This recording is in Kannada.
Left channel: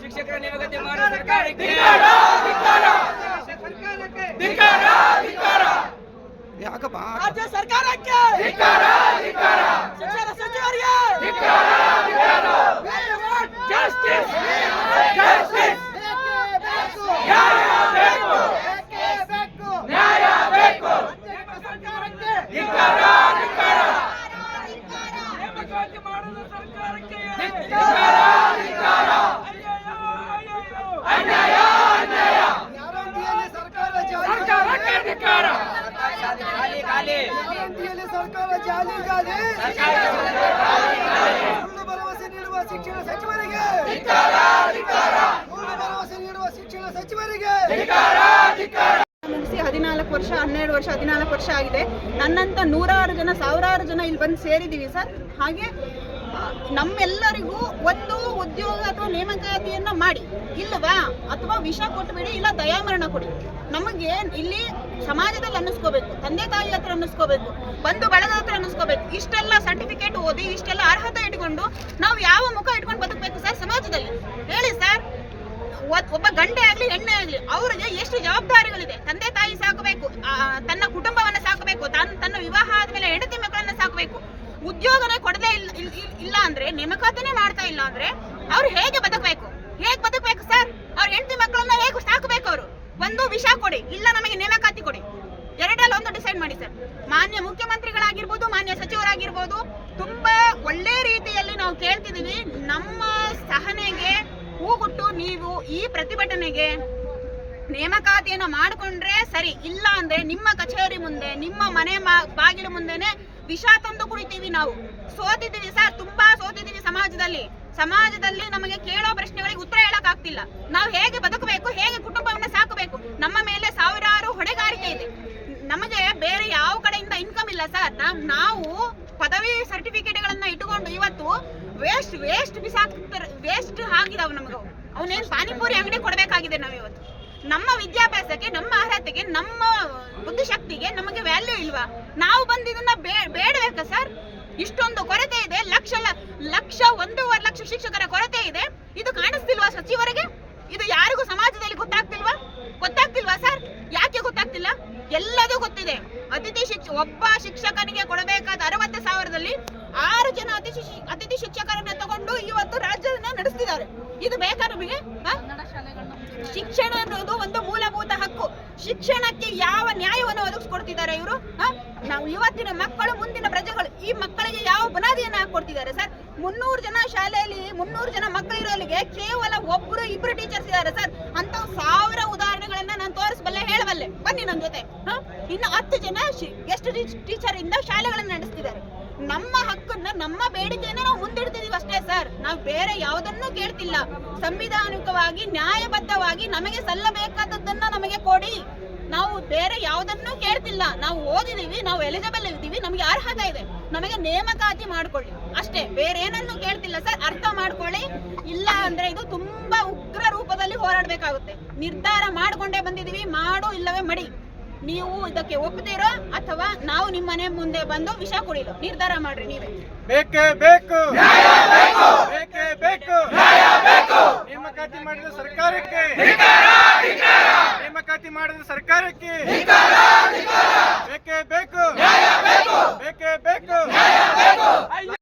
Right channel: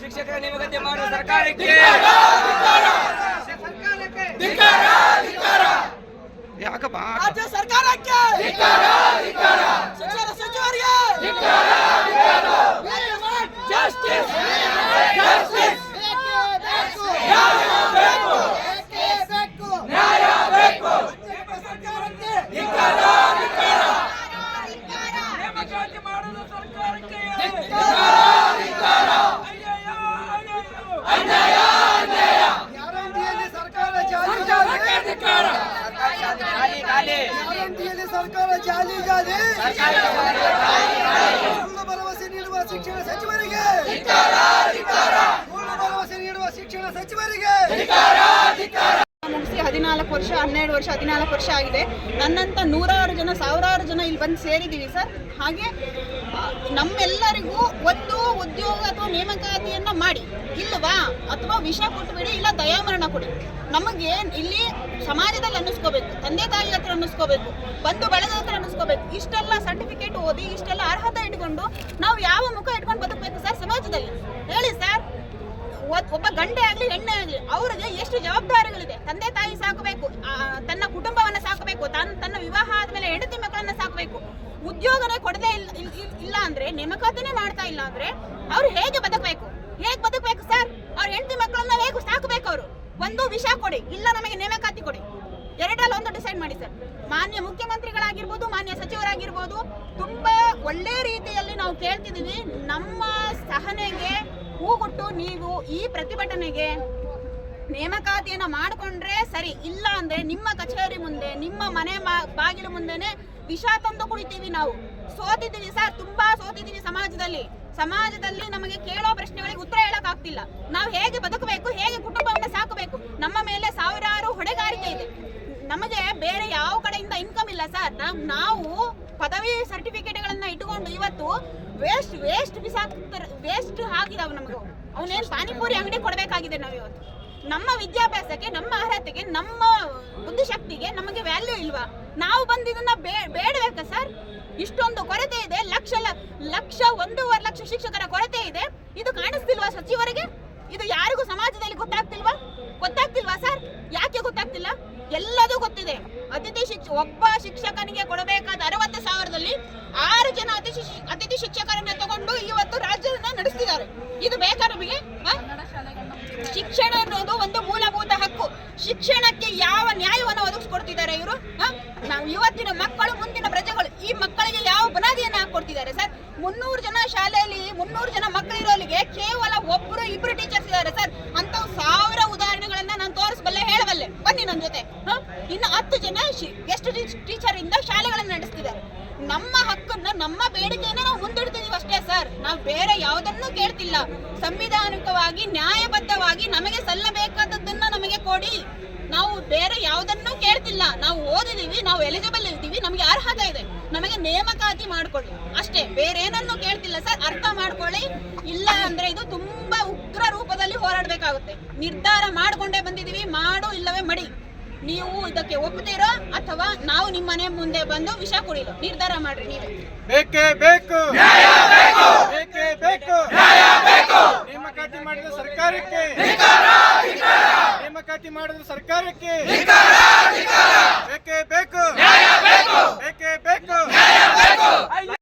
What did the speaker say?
ಶಿಕ್ಷಕರ ನೇಮಕತೆ ಮಾಡುವ ಸರ್ಕಾರಕ್ಕೆ ಧಿಕ್ಕಾರ ಯಾಕಪ್ಪ ರಾಜ್ಯ ಸರ್ಕಾರಕ್ಕೆ! ಶಿಕ್ಷಣ ಸಚಿವರಿಗೆ! ಜಸ್ಟಿಸ್ ನ್ಯಾಯ ಬೇಕು! ಸರ್ಕಾರಕ್ಕೆ ನೇಮಕಾತಿ ಮಾಡುವುದು ಸರ್ಕಾರಕ್ಕೆ ಅನ್ಯಾಯ ಸರ್ಕಾರ ಸರ್ಕಾರಕ್ಕೆ ಧಿಕ್ಕಾರ. ಸರ್ಕಾರ ಜಾಲಿ ಜಾಲಿ. ಭರವಸೆ ನೀಡುವ ಶಿಕ್ಷಣ ಸಚಿವರಿಗೆ. ಭರವಸೆ ನೀಡುವ ಶಿಕ್ಷಣ ಸಚಿವರಿಗೆ. ಮುಗಿಸಿ ಹದಿನಾಲ್ಕು ವರ್ಷ ಹನ್ನೆರಡು ವರ್ಷ ಹದಿನಾಲ್ಕು ವರ್ಷ ಆಗಿದೆ. ನನ್ನಂತ ನೂರಾರು ಜನ ಸಾವಿರಾರು ಜನ ಇಲ್ಲಿ ಬಂದು ಸೇರಿದ್ದೀವಿ ಸರ್. ಹಾಗೆ ನಮ್ಮೆಲ್ಲರಿಗೂ ಒಂದು ಉದ್ಯೋಗ ಅಥವಾ ನೇಮಕಾತಿಯನ್ನ ಮಾಡಿ. ಇಲ್ಲವಾ? ಅಥವಾ ವಿಷ ಕೊಟ್ಟುಬಿಡಿ ಇಲ್ಲ ದಯಾಮರಣ ಕೊಡಿ. ನಮಗೆ ಇಲ್ಲಿ ಸಮಾಜದಲ್ಲಿ ಅನ್ನಿಸ್ಕೋಬೇಕು, ತಂದೆ ತಾಯಿ ಹತ್ರ ಅನ್ನಿಸ್ಕೋಬೇಕು, ಬಂಧು ಬಳಗದ ಹತ್ರ ಅನ್ನಿಸ್ಕೋಬೇಕು, ಇಷ್ಟೆಲ್ಲ ಸರ್ಟಿಫಿಕೇಟ್ ಓದಿ, ಇಷ್ಟೆಲ್ಲ ಅರ್ಹತೆ ಇಟ್ಕೊಂಡು ನಾವು ಯಾವ ಮುಖ ಇಟ್ಕೊಂಡು ಬದುಕಬೇಕು ಸರ್ ಸಮಾಜದಲ್ಲಿ? ಹೇಳಿ ಸರ್ ಒಬ್ಬ ಗಂಡೆ ಆಗಲಿ, ಹೆಣ್ಣೆ ಆಗಲಿ, ಅವ್ರಿಗೆ ಎಷ್ಟು ಜವಾಬ್ದಾರಿಗಳಿದೆ? ತಂದೆ ತಾಯಿ ಸಾಕಬೇಕು ತನ್ನ ಕುಟುಂಬವನ್ನ ಸಾಕಬೇಕು ತನ್ನ ತನ್ನ ವಿವಾಹ ಆದಮೇಲೆ ಹೆಂಡತಿ ಮಕ್ಕಳನ್ನ ಸಾಕಬೇಕು. ಉದ್ಯೋಗನೇ ಕೊಡದೇ ಇಲ್ಲ ಇಲ್- ಇಲ್- ಇಲ್ಲ ಅಂದ್ರೆ, ನೇಮಕಾತಿನೇ ಮಾಡ್ತಾ ಇಲ್ಲ ಅಂದ್ರೆ, ಅವ್ರು ಹೇಗೆ ಬದುಕಬೇಕು? ಹೇಗೆ ಬದುಕಬೇಕು ಸರ್ ಅವ್ರ ಹೆಂಡತಿ ಮಕ್ಕಳನ್ನ ಹೇಗೆ ಸಾಕಬೇಕು ಅವರು? ಒಂದು ವಿಷ ಕೊಡಿ, ಇಲ್ಲ ನಮಗೆ ನೇಮಕಾತಿ ಕೊಡಿ. ಎರಡಲ್ಲಿ ಒಂದು ಡಿಸೈಡ್ ಮಾಡಿ ಸರ್. ಮಾನ್ಯ ಮುಖ್ಯಮಂತ್ರಿಗಳಾಗಿರ್ಬೋದು, ಮಾನ್ಯ ಸಚಿವರಾಗಿರ್ಬೋದು, ತುಂಬಾ ಒಳ್ಳೆ ರೀತಿಯಲ್ಲಿ ನಾವು ಕೇಳ್ತಿದ್ದೀವಿ. ನಮ್ಮ ಸಹನೆಗೆ ಹೂಗುಟ್ಟು ನೀವು ಈ ಪ್ರತಿಭಟನೆಗೆ ನೇಮಕಾತಿಯನ್ನು ಮಾಡಿಕೊಂಡ್ರೆ ಸರಿ, ಇಲ್ಲ ಅಂದ್ರೆ ನಿಮ್ಮ ಕಚೇರಿ ಮುಂದೆ, ನಿಮ್ಮ ಮನೆ ಬಾಗಿಲು ಮುಂದೆನೆ ವಿಷ ತಂದು ಕುಡಿತೀವಿ ನಾವು. ಸೋತಿದ್ದೀವಿ ಸರ್, ತುಂಬಾ ಸೋತಿದ್ದೀವಿ ಸಮಾಜದಲ್ಲಿ. ಸಮಾಜದಲ್ಲಿ ನಮಗೆ ಕೇಳೋ ಪ್ರಶ್ನೆಗಳಿಗೆ ಉತ್ತರ ಹೇಳಕ್ ಆಗ್ತಿಲ್ಲ ನಾವು ಹೇಗೆ ಬದುಕಬೇಕು, ಹೇಗೆ ಕುಟುಂಬವನ್ನ ಸಾಕಬೇಕು, ನಮ್ಮ ಮೇಲೆ ಸಾವಿರಾರು ಹೊಣೆಗಾರಿಕೆ ಇದೆ. ನಮಗೆ ಬೇರೆ ಯಾವ ಕಡೆಯಿಂದ ಇನ್ಕಮ್ ಇಲ್ಲ ಸರ್ ನಾವ್ ಪದವಿ ಸರ್ಟಿಫಿಕೇಟ್ಗಳನ್ನ ಇಟ್ಟುಕೊಂಡು ಇವತ್ತು ವೇಸ್ಟ್ ವೇಸ್ಟ್ ಬಿಸಾಕ್ತಾರೆ ವೇಸ್ಟ್ ಆಗಿದಾವ್ ನಮಗೆ ಅವನೇನ್ ಪಾನಿಪುರಿ ಅಂಗಡಿ ಕೊಡಬೇಕಾಗಿದೆ ನಾವು ಇವತ್ತು. ನಮ್ಮ ವಿದ್ಯಾಭ್ಯಾಸಕ್ಕೆ, ನಮ್ಮ ಅರ್ಹತೆಗೆ, ನಮ್ಮ ಬುದ್ಧಿಶಕ್ತಿಗೆ ನಮಗೆ ವ್ಯಾಲ್ಯೂ ಇಲ್ವಾ? ನಾವು ಬಂದಿದ್ದನ್ನ ಬೇಡಬೇಕಾ ಸರ್ ಇಷ್ಟೊಂದು ಕೊರತೆ ಇದೆ. ಲಕ್ಷ ಲಕ್ಷ ಒಂದೂವರೆ ಲಕ್ಷ ಶಿಕ್ಷಕರ ಕೊರತೆ ಇದೆ. ಇದು ಕಾಣಿಸ್ತಿಲ್ವಾ ಸಚಿವರಿಗೆ? ಇದು ಯಾರಿಗೂ ಸಮಾಜದಲ್ಲಿ ಗೊತ್ತಾಗ್ತಿಲ್ವಾ? ಗೊತ್ತಾಗ್ತಿಲ್ವಾ ಸರ್? ಯಾಕೆ ಗೊತ್ತಾಗ್ತಿಲ್ಲ? ಎಲ್ಲದೂ ಗೊತ್ತಿದೆ. ಅತಿಥಿ ಶಿಕ್ಷ ಒಬ್ಬ ಶಿಕ್ಷಕನಿಗೆ ಕೊಡಬೇಕಾದ ಅರವತ್ತು ಸಾವಿರದಲ್ಲಿ ಆರು ಜನ ಅತಿಥಿ ಅತಿಥಿ ಶಿಕ್ಷಕರನ್ನ ತಗೊಂಡು ಇವತ್ತು ರಾಜ್ಯನ ನಡೆಸ್ತಿದ್ದಾರೆ. ಇದು ಬೇಕಾ ನಮಗೆ? ಶಿಕ್ಷಣ ಅನ್ನೋದು ಒಂದು ಶಿಕ್ಷಣಕ್ಕೆ ಯಾವ ನ್ಯಾಯವನ್ನು ಒದಗಿಸ್ಕೊಡ್ತಿದ್ದಾರೆ ಇವರು? ನಾವು ಇವತ್ತಿನ ಮಕ್ಕಳು, ಮುಂದಿನ ಪ್ರಜೆಗಳು, ಈ ಮಕ್ಕಳಿಗೆ ಯಾವ ಬುನಾದಿಯನ್ನು ಹಾಕೊಡ್ತಿದ್ದಾರೆ ಸರ್? ಮುನ್ನೂರು ಜನ ಶಾಲೆಯಲ್ಲಿ ಮುನ್ನೂರು ಜನ ಮಕ್ಕಳಿರೋಲ್ಲಿಗೆ ಕೇವಲ ಒಬ್ಬರು ಇಬ್ಬರು ಟೀಚರ್ಸ್ ಇದ್ದಾರೆ ಸರ್. ಅಂತ ಸಾವಿರ ಉದಾಹರಣೆಗಳನ್ನ ನಾನು ತೋರಿಸಬಲ್ಲೆ, ಹೇಳಬಲ್ಲೆ. ಬನ್ನಿ ನನ್ನ ಜೊತೆ? ಇನ್ನು ಹತ್ತು ಜನ ಗೆಸ್ಟ್ ಟೀಚರ್ ಇಂದ ಶಾಲೆಗಳನ್ನು ನಡೆಸ್ತಿದ್ದಾರೆ. ನಮ್ಮ ಹಕ್ಕನ್ನ, ನಮ್ಮ ಬೇಡಿಕೆಯನ್ನ ನಾವು ಮುಂದಿಡ್ತಿದೀವಿ ಅಷ್ಟೇ ಸರ್. ನಾವು ಬೇರೆ ಯಾವುದನ್ನು ಕೇಳ್ತಿಲ್ಲ. ಸಂವಿಧಾನಿಕವಾಗಿ, ನ್ಯಾಯಬದ್ಧವಾಗಿ ನಮಗೆ ಸಲ್ಲಬೇಕಾದದ್ದನ್ನ ನಮಗೆ ಕೊಡಿ. ನಾವು ಬೇರೆ ಯಾವುದನ್ನೂ ಕೇಳ್ತಿಲ್ಲ. ನಾವು ಓದಿದೀವಿ, ನಾವು ಎಲಿಜಿಬಲ್ ಇದ್ದೀವಿ, ನಮಗೆ ಅರ್ಹತೆ ಇದೆ. ನಮಗೆ ನೇಮಕಾತಿ ಮಾಡ್ಕೊಳ್ಳಿ. ಅಷ್ಟೇ ಬೇರೆ ಏನನ್ನೂ ಕೇಳ್ತಿಲ್ಲ ಸರ್. ಅರ್ಥ ಮಾಡ್ಕೊಳ್ಳಿ. ಇಲ್ಲ ಅಂದ್ರೆ ಇದು ತುಂಬಾ ಉಗ್ರ ರೂಪದಲ್ಲಿ ಹೋರಾಡಬೇಕಾಗುತ್ತೆ. ನಿರ್ಧಾರ ಮಾಡ್ಕೊಂಡೇ ಬಂದಿದೀವಿ. ಮಾಡು ಇಲ್ಲವೇ ಮಡಿ. ನೀವು ಇದಕ್ಕೆ ಒಪ್ಪುತ್ತೀರೋ ಅಥವಾ ನಾವು ನಿಮ್ಮ ಮನೆ ಮುಂದೆ ಬಂದು ವಿಷ ಕುಡಿಲೋ ನಿರ್ಧಾರ ಮಾಡ್ರಿ ನೀವು. ಬೇಕೇ ಬೇಕು. ಬೇಕೇ ಬೇಕು. ನೇಮಕಾತಿ ಮಾಡಿದ ಸರ್ಕಾರಕ್ಕೆ. ನೇಮಕಾತಿ ಮಾಡಿದ ಸರ್ಕಾರಕ್ಕೆ. ಬೇಕೇ ಬೇಕು. ಬೇಕೇ ಬೇಕು.